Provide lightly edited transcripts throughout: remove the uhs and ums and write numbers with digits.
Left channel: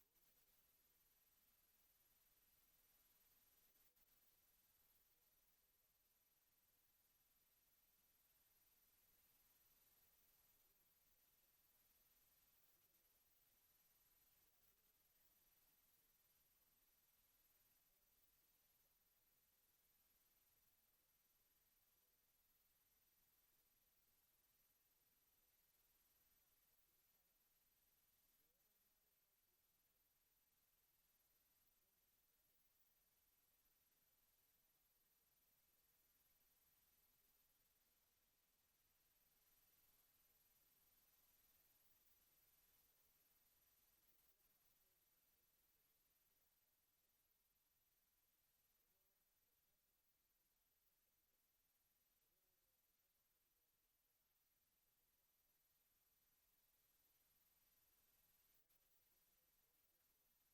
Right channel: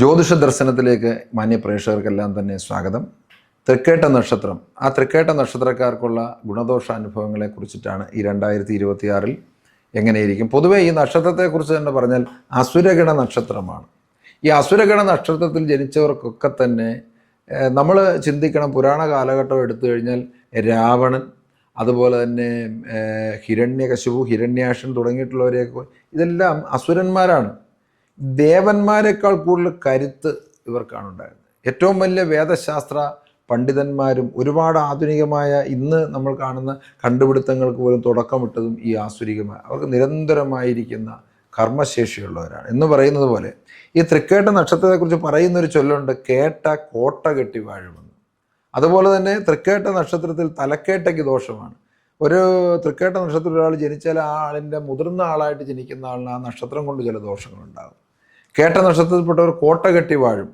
ജ്യോതിഷ ദർശനത്തിലേക്ക് മാന്യ പ്രേക്ഷകർക്കെല്ലാം തന്നെ സ്വാഗതം. തൃക്കേട്ട നക്ഷത്രം, ആ തൃക്കേട്ട നക്ഷത്രക്കാർക്കുള്ള ഗുണദോഷാനുഭവങ്ങളെ കുറിച്ചിട്ടാണ് ഈ 2026 എങ്ങനെയിരിക്കും. പൊതുവേ ഈ നക്ഷത്രത്തെക്കുറിച്ച് തന്നെ പറഞ്ഞാൽ അസുരഗണ നക്ഷത്രമാണ്. ഈ അസുരഗണ നക്ഷത്രത്തിൽ ജനിച്ചവർക്കൊക്കെ തന്നെ നമ്മൾ ചിന്തിക്കണം, പുരാണ കാലഘട്ടം എടുത്തു കഴിഞ്ഞാൽ രാവണൻ, അതുപോലെ തന്നെ ഹിരണ്യകശിപു, ഹിരണ്യാക്ഷൻ തുടങ്ങിയിട്ടുള്ളവരെയൊക്കെ ഇതെല്ലാം അസുരന്മാരാണ്. ദേവന്മാരെക്കാൾ കൂടുതൽ കരുത്ത് ഇവർക്കാണ് ഉണ്ടായിരുന്നത്. ഏറ്റവും വലിയ വേദശാസ്ത്ര പണ്ഡിതന്മാരും ഒരുപാട് ആധുനികമായ ഇന്ന് നമ്മൾ കാണുന്ന കണ്ടുപിടുത്തങ്ങൾക്ക് പോലും തുടക്കമിട്ടതും ഈ ആസുരികമായ അവർക്ക് നിരന്തരമായിരിക്കുന്ന കർമ്മശേഷിയുള്ളവരാണ്. എന്ന് പറയുന്നത് പോലെ ഈ തൃക്കേട്ട നക്ഷത്രത്തെക്കുറിച്ച് പറയുന്നൊരു ചൊല്ലുണ്ട്, കേട്ട കോട്ട കെട്ടി വാഴുമെന്ന്. അതുപോലെ തന്നെ തൃക്കേട്ട നക്ഷത്രത്തിൽ തലക്കേട്ടയ്ക്ക് ദോഷമാണ്. ഒരു തൃക്കേട്ട നക്ഷത്രത്തിൽ ഒരാൾ ജനിച്ചാൽ ആ ആളിൻ്റെ മുതിർന്ന ആളായിട്ട് ജനിക്കുന്ന ആളിന് ആ നക്ഷത്രം കൊണ്ട് ചില ദോഷങ്ങളുണ്ടാകും. കേട്ട നക്ഷത്രത്തിൽപ്പെട്ടവർ കോട്ട കെട്ടി വാഴും.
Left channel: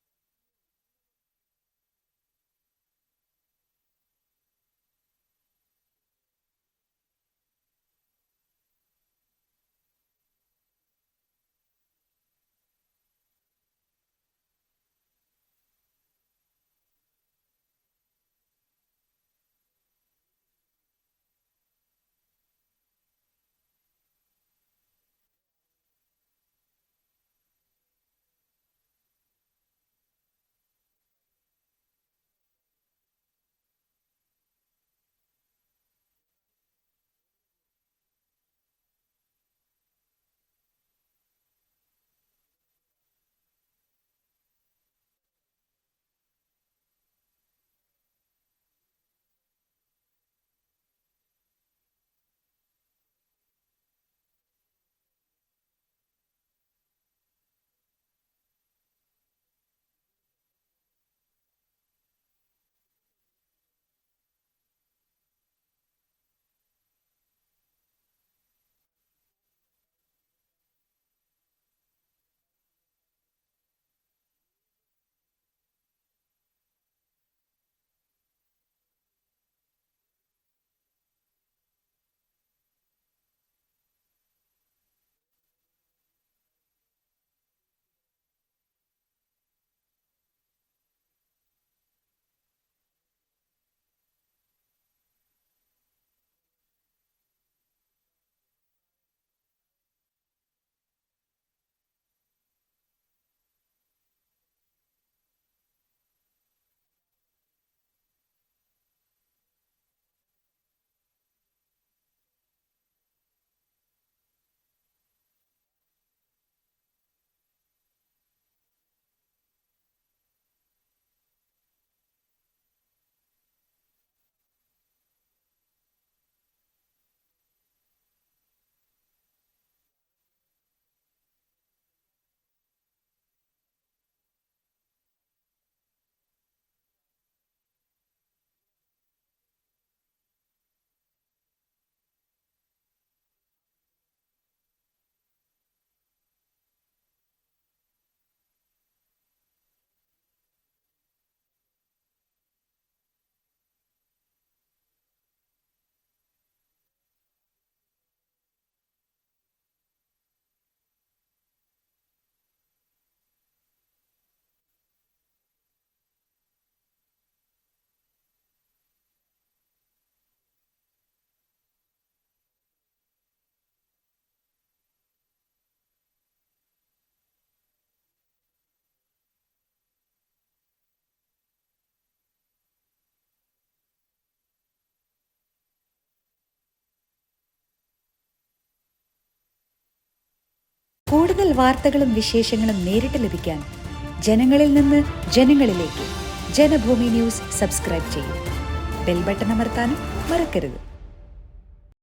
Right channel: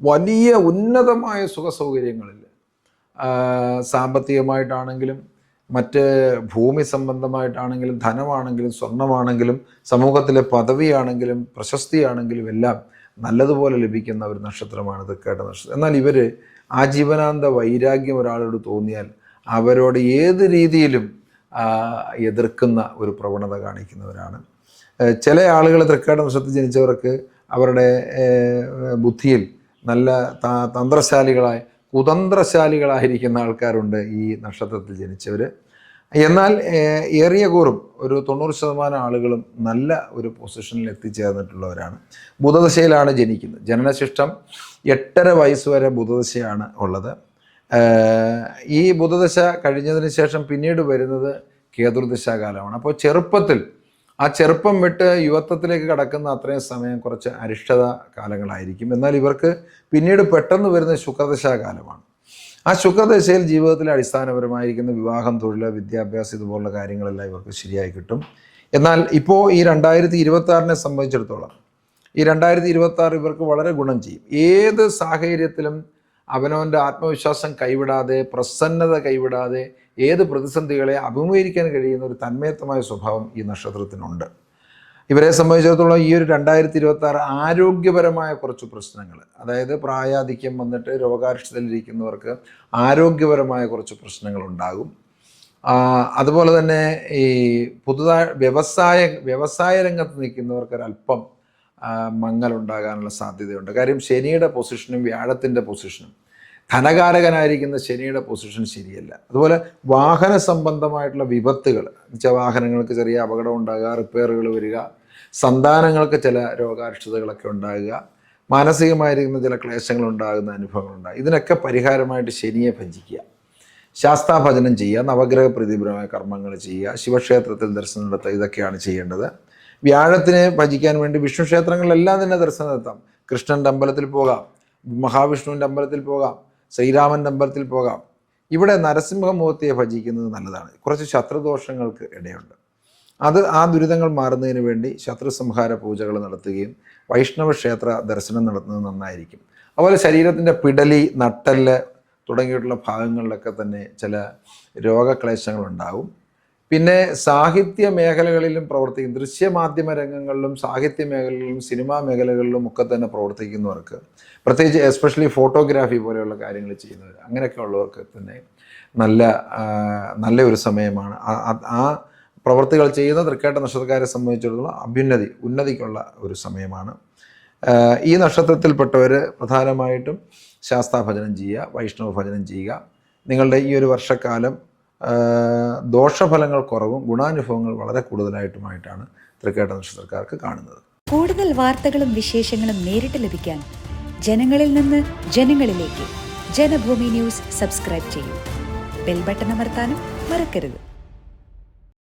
വലിയ ഉന്നതമായ സുഖസൗകര്യങ്ങളിൽ സാമ്പത്തികമായിട്ടാണെങ്കിലും മറ്റ് ഭൂമി സംബന്ധമായിട്ടാണെങ്കിലും ധനമാണെങ്കിലും സ്വർണമാണെങ്കിലും സമൂഹത്തിലെ പദവിയാണെങ്കിലും പ്രശസ്തിയാണെങ്കിലും എല്ലാം നല്ലതുപോലെ ലഭിക്കുന്ന ഒരു നക്ഷത്രമാണ് തൃക്കേട്ട നക്ഷത്രം. എന്നാൽ ഇവർ ആജീവനാന്ത വൈരാഗ്യം ഒരാളോട് തോന്നിയാൽ അവരോട് ഏത് രീതിയിലും എതിർക്കുന്ന ഒരു പ്രവണത കാണിക്കുന്നവരാണ്. ചില ആളുകൾ തൃക്കേട്ട നക്ഷത്രത്തിൽ ജനിച്ചവർക്ക് അവരുടെ ബുദ്ധിയിൽ നല്ല കുതന്ത്രശാലികളായിരിക്കുന്ന ആൾക്കാരുണ്ട് ഈ നക്ഷത്രത്തിൽ ജനിച്ചവർ. എന്നാൽ ഏറിയ കൂറും ഒരു 90% ആളുകളും നല്ല ഒരു പൊസിഷനിൽ എത്തിച്ചേർന്നിട്ടുള്ളവരാണ്. ബുധദശയിലാണ് ജനിക്കുന്നത്. ജനനശിഷ്ടം 8.5 വയസ്സ് വരെ ബുധദശയാണ് ഉള്ളത്. ഈ ബുധദശ കഴിഞ്ഞതിന് ശേഷം പിന്നീട് വരുന്നത് കേതുർദശാകാലമാണ്. അപ്പോൾ ചെറുപ്പത്തിൽ ആ ചെറുപ്പം വിട്ട് യുവത്വത്തിലേക്ക് കടക്കുന്ന അത്രയും സമയം കുറച്ച് അരിഷ്ടത കാലങ്ങളായിരിക്കും. എന്നാൽ ഇവർക്ക് പിന്നീട് പെട്ടെന്ന് വരുന്ന ശുക്രദശാകാലമാണ്. ആ ശുക്രദശയിൽ ജീവിതത്തിൽ അടിസ്ഥാനപരമായിരിക്കുന്ന വിവാഹം, തൊഴിൽ, വിദ്യാഭ്യാസം ഇതുപോലുള്ള കാര്യങ്ങളെല്ലാം ഇവർക്ക് ശരിയായി കിട്ടും. എന്നാൽ ഇപ്പോൾ ഈ 2026 സംബന്ധിച്ചിടത്തോളം ഈ 2026 ഇവർക്ക് വളരെ ഗുണം ചെയ്യും. ഏത് സാഹചര്യത്തിലും അവനവൻ്റെ ആത്മവിശ്വാസം കൈവിടാതെ, പ്രസന്നത കൈവിടാതെ ഏത് പ്രതിസന്ധികളെ അഭിമുഖീകരിക്കാൻ കഴിയുന്ന ഒരു തന്മയത്വമായ സ്വഭാവം ഈ നക്ഷത്രത്തിനുണ്ട്. ഇവരെ സംബന്ധിച്ചിടത്തോളം ഈ ഒരു 2026 ആരോഗ്യപരമായ കുറച്ച് പ്രശ്നങ്ങൾ, അതായത് പ്രായാധിക്യം വന്നിട്ട് രോഗാരിഷ്ടതയിലിരിക്കുന്നവർക്ക് ആരോഗ്യപരമായ കുറച്ച് പ്രശ്നങ്ങൾ ഉണ്ടാകും. അതുപോലെ തന്നെ ഈ പുതുതായി വ്യവസായ രംഗത്ത് നിൽക്കുന്നവർക്കൊരല്പം മങ്ങലുണ്ടാകാനുള്ള സാധ്യതയുണ്ട്. കാര്യം ശനിയുടെ പൊസിഷനും വ്യാഴത്തിൻ്റെ പൊസിഷനും, ധനകാരകനായിരിക്കുന്ന ശനിയുടെ പൊസിഷൻ ശരിയല്ല. അതുപോലെ വാഹന സംബന്ധമായിട്ടുള്ള വിപത്തുകൾ, വാഹനങ്ങൾക്ക് ചെറിയ അപകടം ഉണ്ടാകുക, റിപ്പയറുകൾ വരിക, സന്താനങ്ങൾക്ക് ചില രോഗാരിഷ്ടതകളൊക്കെ ഉണ്ടാകുക, മാനസികമായിരിക്കുന്ന ചില ക്ലേശങ്ങൾ ഉണ്ടാകുന്ന അനുഭവങ്ങളുണ്ടാകും. ഇതിനൊക്കെ പരിഹാരമായിട്ട് ശനിയെ ഭജിക്കുക, ശാസ്താഭജനം ചെയ്യുക, നവഗ്രഹ പ്രീതിപരമായ കർമ്മങ്ങൾ ചെയ്യുക, ശിവക്ഷേത്രത്തിൽ ദർശനം നടത്തുക, ഇതൊക്കെയാണ് ചെയ്യേണ്ടത്. വ്യാഴത്തിനെ ഭജിക്കാൻ വേണ്ടി വിഷ്ണു ക്ഷേത്രങ്ങളിലെല്ലാം തന്നെ ദർശനം നടത്താം. കൃഷ്ണൻ്റെ അമ്പലത്തിൽ പോകാം, മഹാവിഷ്ണുവിൻ്റെ അമ്പലത്തിൽ പോകാം, ശ്രീരാമൻ്റെ അമ്പലത്തിൽ പോകാം. ഇവിടെ നരസിംഹമൂർത്തിയെ ഭജിക്കുന്നത് നല്ലതാണ്. കുറച്ച് ശത്രുദോഷങ്ങൾക്ക് ഇടയുണ്ട്. ആ ദുരിതങ്ങൾ മാറുന്നതിന് വേണ്ടി ശത്രുസംഹാര പൂജകൾ നടത്തുകയും വൈഷ്ണവ ക്ഷേത്ര ദർശനം നടത്തുന്നത് നന്നായിരിക്കും. അതുപോലെ ശരീരത്തിൻ്റെ പിടലി, നട്ടെല്ല് തുടങ്ങിയിട്ടുള്ള ഭാഗങ്ങളിലൊക്കെ തന്നെ ചില രോഗക്ലേശങ്ങളുണ്ടാകും. പിന്നെ സാഹിത്യ മേഖലകളിലും പ്രവർത്തിക്കും, ദൃശ്യമാധ്യമ രംഗങ്ങളിലും സാഹിത്യ മേഖലകളിലും സിനിമാ മേഖലകളിലും ഒക്കെ തന്നെ പ്രവർത്തിക്കുന്നവർക്ക്, പ്രത്യേകിച്ച് എസ്പെഷ്യലി ഫോട്ടോഗ്രാഫി പോലെയുള്ള കാര്യങ്ങൾ ചെയ്യുന്നവർ, അങ്ങനെയൊക്കെ ഉള്ളവർക്ക് തന്നെ നല്ല ഒരു സമയമാണ്. ആ പ്രവൃത്തികൾ ചെയ്യുന്ന തൃക്കേട്ട നക്ഷത്രക്കാരെ സംബന്ധിച്ചിടത്തോളം ഉന്നതിക്കുള്ള ഒരു സമയമാണ്. ഈ നക്ഷത്രത്തിൽപ്പെട്ടവർ പ്രധാനമായിട്ടും ശാസ്താഭജനം ചെയ്യുക, വൈഷ്ണവ ഭജനം ചെയ്യുക. നിങ്ങളുടെ ഈ ഒരു വർഷക്കാലം ദോഷഫലങ്ങൾ കുറവും ഗുണാനുഭവങ്ങൾ വളരെ കൂടുതലായിട്ടുമായിട്ടാണ് തൃക്കേട്ട നക്ഷത്രക്കാർക്ക് കാണുന്നത്. കൂടുതൽ വാർത്തകളും വിശേഷങ്ങളും നേരിട്ട് ലഭിക്കാൻ ജനങ്ങളിൽ നിന്ന് ജനങ്ങളിലേക്ക് ജനഭൂമി ന്യൂസ് സബ്സ്ക്രൈബ് ചെയ്യൂ. ബെൽ ബട്ടൺ അമർത്താനും മറക്കരുത്.